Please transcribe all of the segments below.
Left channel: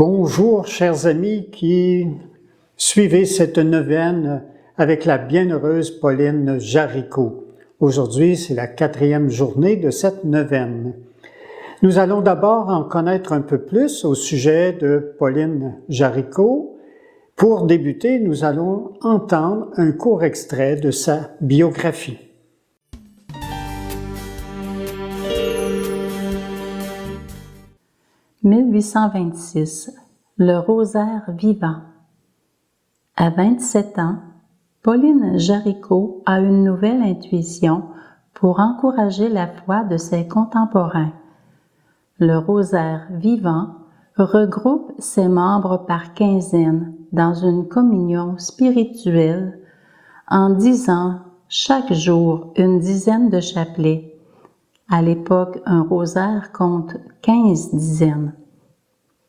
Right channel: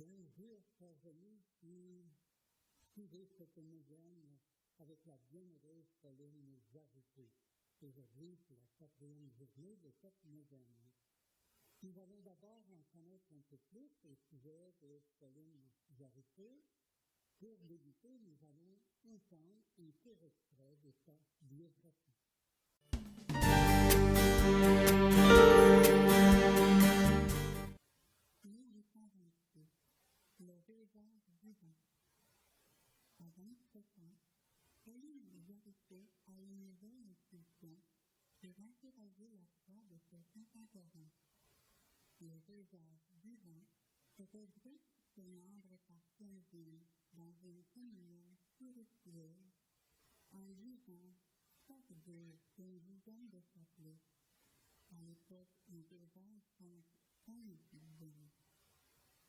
Bonjour, chers amis qui suivez cette neuvaine avec la bienheureuse Pauline Jaricot. Aujourd'hui, c'est la 4e journée de cette neuvaine. Nous allons d'abord en connaître un peu plus au sujet de Pauline Jaricot. Pour débuter, nous allons entendre un court extrait de sa biographie. « 1826, le rosaire vivant. À 27 ans, Pauline Jaricot a une nouvelle intuition pour encourager la foi de ses contemporains. Le rosaire vivant regroupe ses membres par quinzaine dans une communion spirituelle en disant chaque jour une dizaine de chapelets. À l'époque, un rosaire compte 15 dizaines.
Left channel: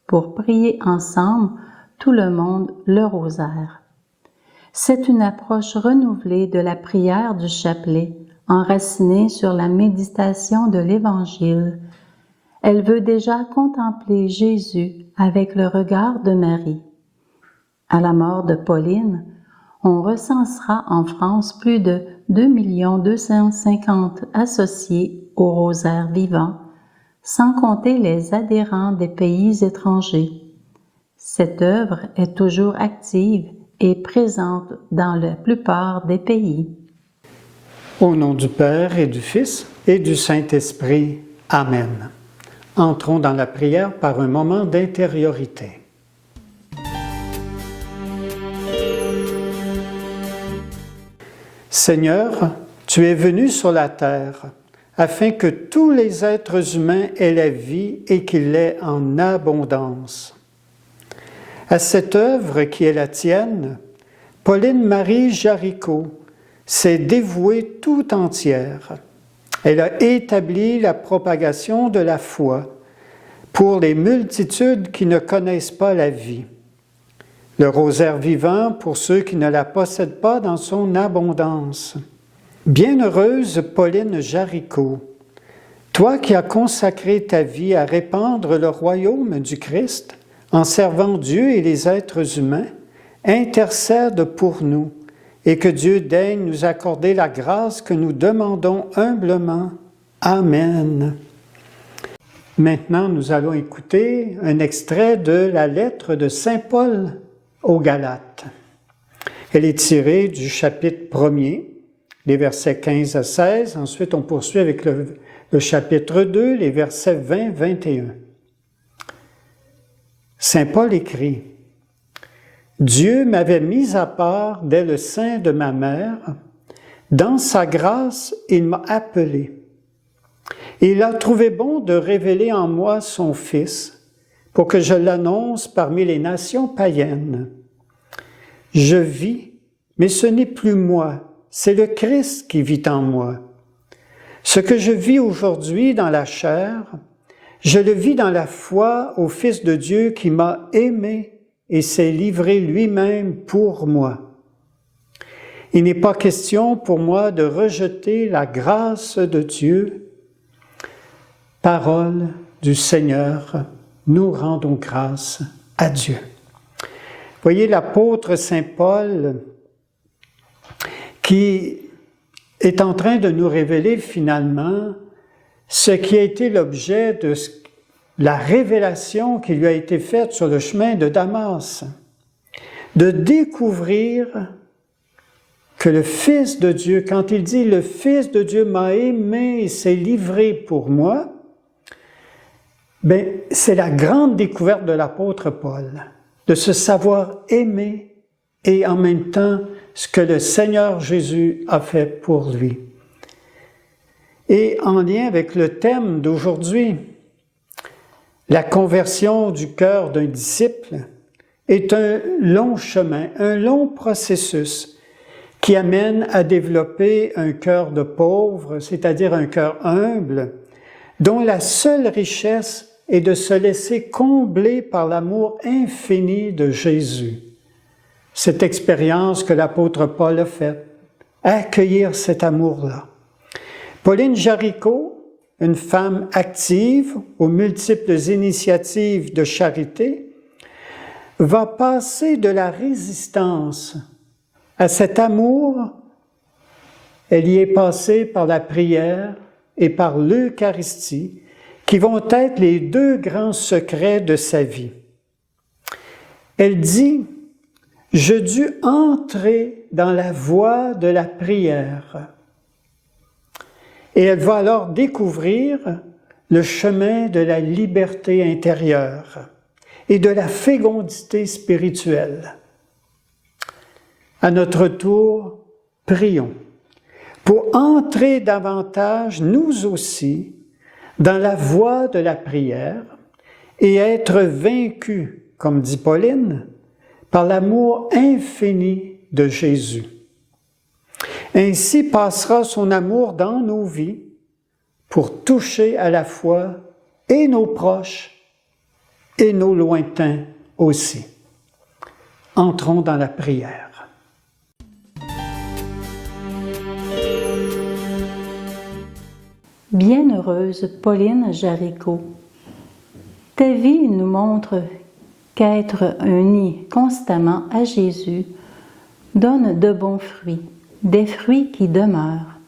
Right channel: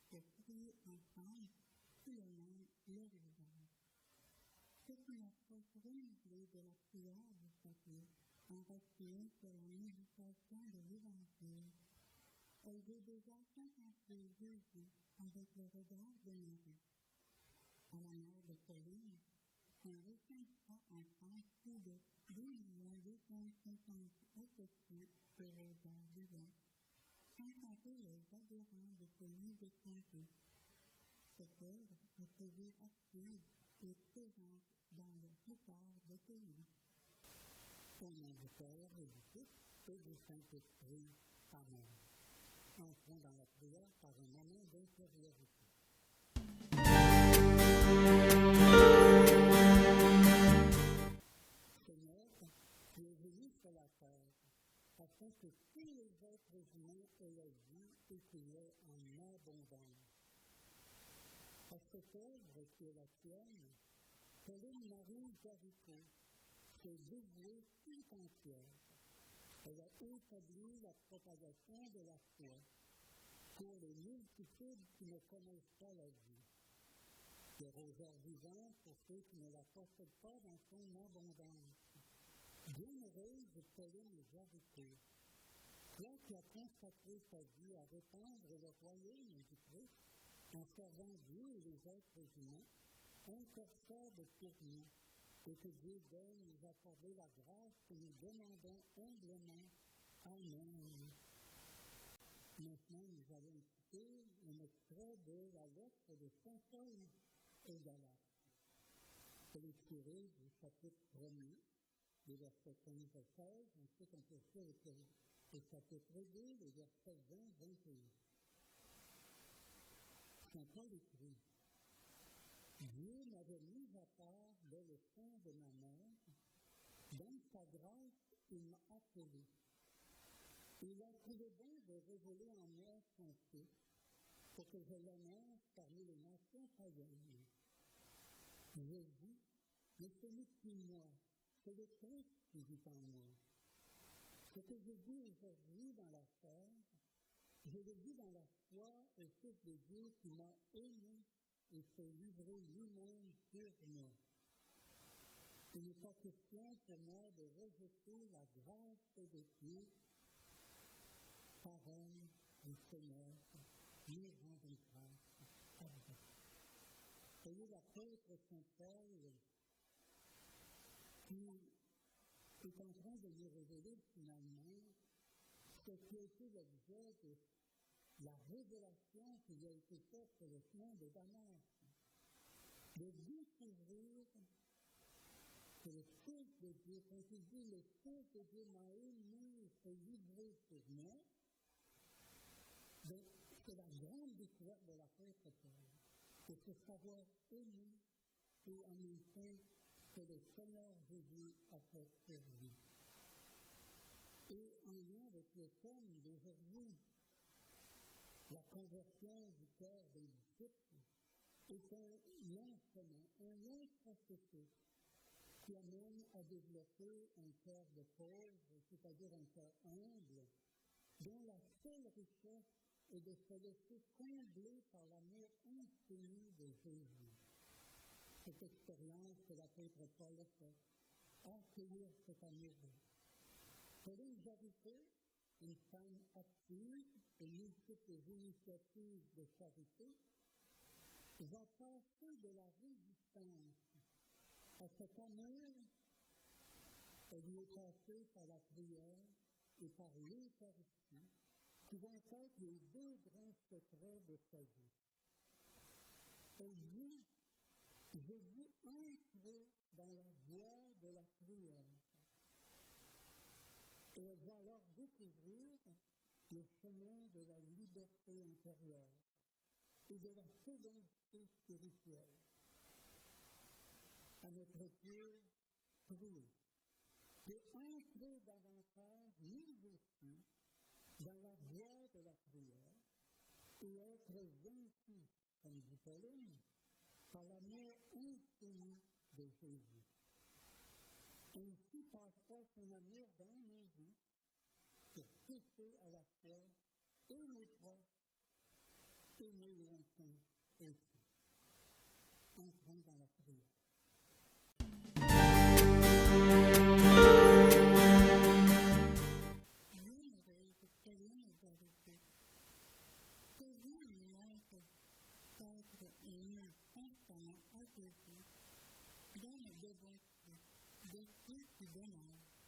Pour prier ensemble, tout le monde le rosaire. C'est une approche renouvelée de la prière du chapelet, enracinée sur la méditation de l'Évangile. Elle veut déjà contempler Jésus avec le regard de Marie. À la mort de Pauline, on recensera en France plus de 2 250 associés au rosaire vivant, sans compter les adhérents des pays étrangers. Cette œuvre est toujours active et présente dans la plupart des pays. Au nom du Père et du Fils et du Saint-Esprit. Amen. Entrons dans la prière par un moment d'intériorité. Seigneur, tu es venu sur la terre afin que tous les êtres humains aient la vie et qu'ils l'aient en abondance. À cette œuvre qui est la tienne, Pauline Marie Jaricot s'est dévouée tout entière. Elle a établi la propagation de la foi pour les multitudes qui ne connaissent pas la vie. Le rosaire vivant pour ceux qui ne la possèdent pas dans son abondance. Bienheureuse Pauline Jaricot, toi qui as consacré ta vie à répandre le royaume du Christ en servant Dieu et les êtres humains, intercède pour nous et que Dieu daigne nous accorder la grâce que nous demandons humblement. Amen. Maintenant, nous allons écouter un extrait de la lettre de Saint Paul aux Galates. Elle est tirée du chapitre 1er, les versets 15 à 16. Ensuite, on poursuit avec le chapitre 2, les versets 20-21. Saint Paul écrit « Dieu m'avait mis à part dès le sein de ma mère. Dans sa grâce, il m'a appelé. Il a trouvé bon de révéler en moi son Fils pour que je l'annonce parmi les nations païennes. Je vis, mais ce n'est plus moi, c'est le Christ qui vit en moi. Ce que je vis aujourd'hui dans la chair, je le vis dans la foi au Fils de Dieu qui m'a aimé et s'est livré lui-même pour moi. Il n'est pas question pour moi de rejeter la grâce de Dieu. Parole du Seigneur, nous rendons grâce à Dieu. » Voyez l'apôtre Saint Paul qui est en train de nous révéler finalement ce qui a été l'objet de la révélation qui lui a été faite sur le chemin de Damas, de découvrir que le Fils de Dieu, quand il dit « le Fils de Dieu m'a aimé et s'est livré pour moi », bien, c'est la grande découverte de l'apôtre Paul, de se savoir aimer et en même temps ce que le Seigneur Jésus a fait pour lui. Et en lien avec le thème d'aujourd'hui, la conversion du cœur d'un disciple est un long chemin, un long processus qui amène à développer un cœur de pauvre, c'est-à-dire un cœur humble, dont la seule richesse est de se laisser combler par l'amour infini de Jésus. Cette expérience que l'apôtre Paul a faite, accueillir cet amour-là. Pauline Jaricot, une femme active aux multiples initiatives de charité, va passer de la résistance à cet amour. Elle y est passée par la prière et par l'Eucharistie, qui vont être les deux grands secrets de sa vie. Elle dit « Je dus entrer dans la voie de la prière ». Et elle va alors découvrir le chemin de la liberté intérieure et de la fécondité spirituelle. À notre tour, prions pour entrer davantage, nous aussi, dans la voie de la prière et être vaincus, comme dit Pauline, par l'amour infini de Jésus. Ainsi passera son amour dans nos vies pour toucher à la fois et nos proches et nos lointains aussi. Entrons dans la prière. Bienheureuse Pauline Jaricot, ta vie nous montre qu'être unis constamment à Jésus donne de bons fruits, des fruits qui demeurent.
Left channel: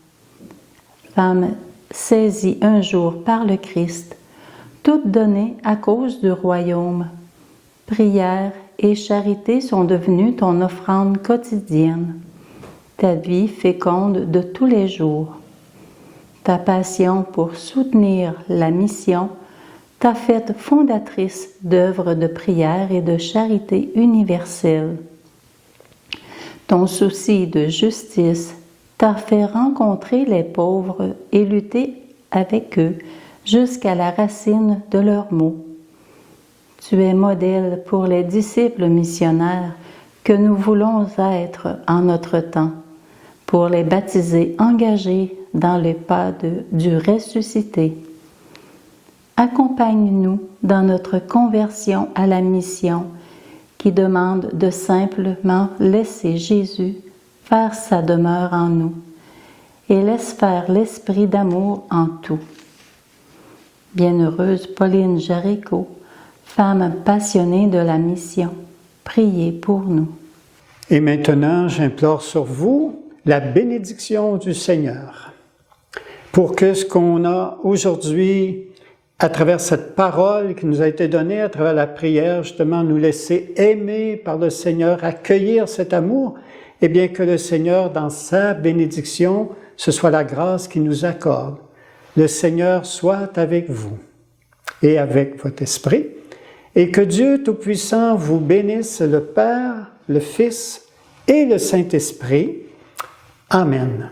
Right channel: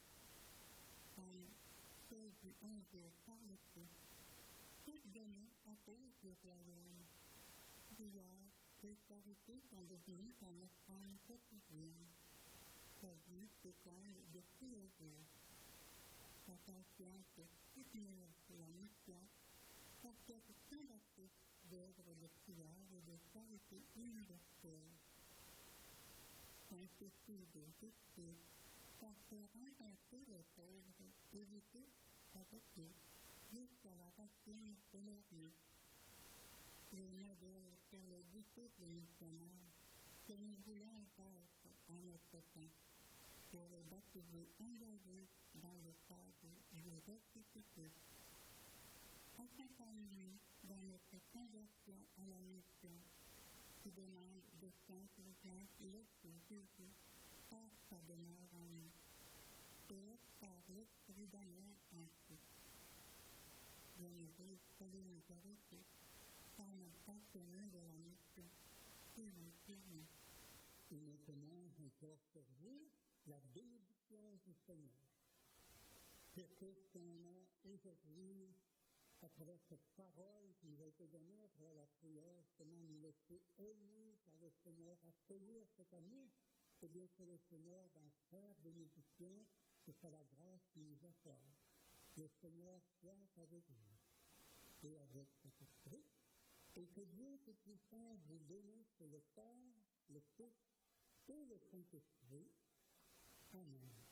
Femme saisie un jour par le Christ, toute donnée à cause du royaume, prière et charité sont devenues ton offrande quotidienne, ta vie féconde de tous les jours. Ta passion pour soutenir la mission t'a faite fondatrice d'œuvres de prière et de charité universelle. Ton souci de justice t'a fait rencontrer les pauvres et lutter avec eux jusqu'à la racine de leurs maux. Tu es modèle pour les disciples missionnaires que nous voulons être en notre temps, pour les baptisés engagés dans les pas du ressuscité. Accompagne-nous dans notre conversion à la mission qui demande de simplement laisser Jésus faire sa demeure en nous et laisse faire l'esprit d'amour en tout. Bienheureuse Pauline Jaricot, femme passionnée de la mission, priez pour nous. Et maintenant, j'implore sur vous la bénédiction du Seigneur, pour que ce qu'on a aujourd'hui, à travers cette parole qui nous a été donnée, à travers la prière, justement, nous laisser aimer par le Seigneur, accueillir cet amour, et bien que le Seigneur, dans sa bénédiction, ce soit la grâce qu'il nous accorde. Le Seigneur soit avec vous et avec votre esprit, et que Dieu Tout-Puissant vous bénisse, le Père, le Fils et le Saint-Esprit. Amen.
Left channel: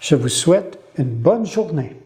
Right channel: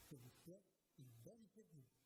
Je vous souhaite une bonne journée.